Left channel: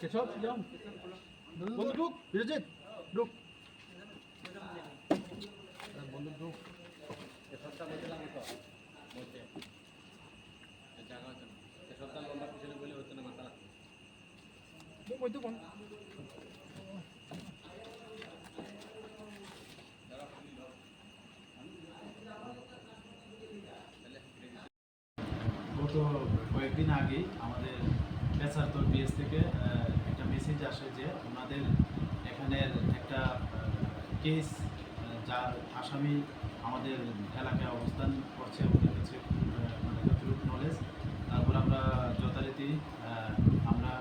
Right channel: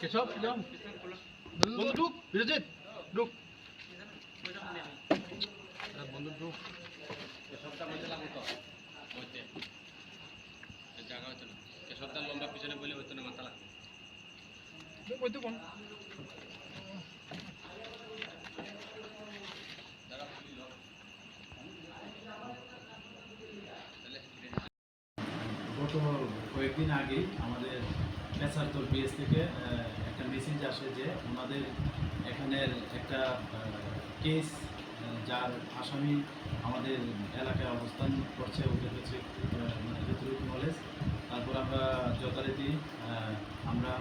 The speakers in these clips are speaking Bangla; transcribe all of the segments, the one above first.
কেশব যাও বন্ধু ঢুক বিরজিৎ ঢুক বন্ধু ঢুক কেশবটা মধ্যে লাগতো তো মধ্যে জায়গা হতো না কেশবটা লম্বা পিছনে বলে হতো না মাথা লাগতো মধ্যে কোন গত কয়েকদিন আগে আমাদের পেশারতল বিএস থেকে একটা মেসেজ আসে যে ওনাদের এখানের একটা কেস যার আসামি আমাদের এলাকায় অবস্থান করছে ওদের কাছে মানে যতটুকু নলেজ তারপর আমরা যথারীতি আমরা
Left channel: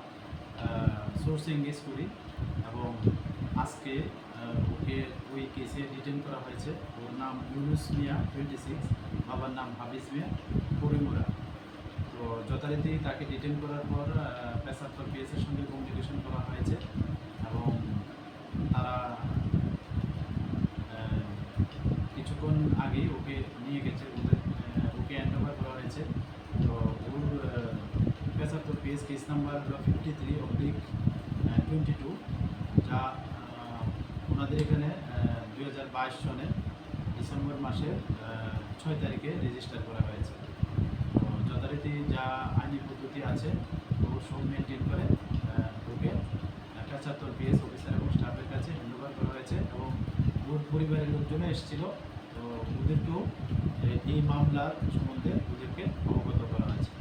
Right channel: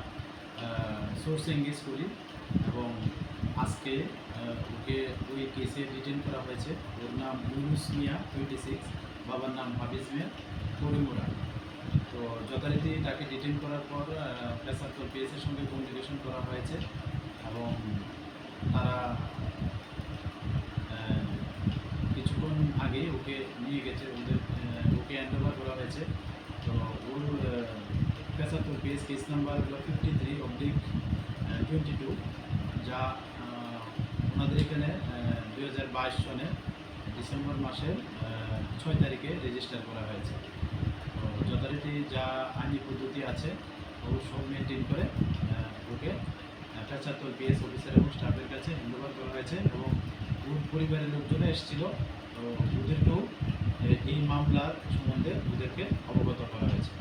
সোর্স এঙ্গেজ করি এবং আজকে ওকে ওই কেসে ডিটেন করা হয়েছে। ওর নাম ইউনুস মিয়া 26, বাবার নাম হাফিজ মিয়া করিমুরা। তো যথারীতি তাকে ডিটেন করার পর পেশারতল পিএসের সঙ্গে কমিউনিকেশন করা হয়েছে এবং তারা কিছুক্ষণ আগেই ওকে নিয়ে গেছে, ওকে হ্যান্ড ওভার করা হয়েছে। তো ওর পেশারতল পিএস কেস নাম্বার হলো 53/22, যা ওনাদের এখানে 2022 সনে ডিসেম্বর মাসের 6 তারিখে রেজিস্টার করা হয়েছে। তো যথারীতি যা আইনি পদ্ধতি আছে ও সব মেনটেন করে ওকে পেশারতল পিএস অফিসার এবং স্টাফের কাছে হ্যান্ডওভার করা হয়েছে এবং ওর পরিবারের লোকজনও এসেছিল। তো ওদেরকেও এই মামলার সম্বন্ধে ওদেরকে অবগত করা হয়েছে।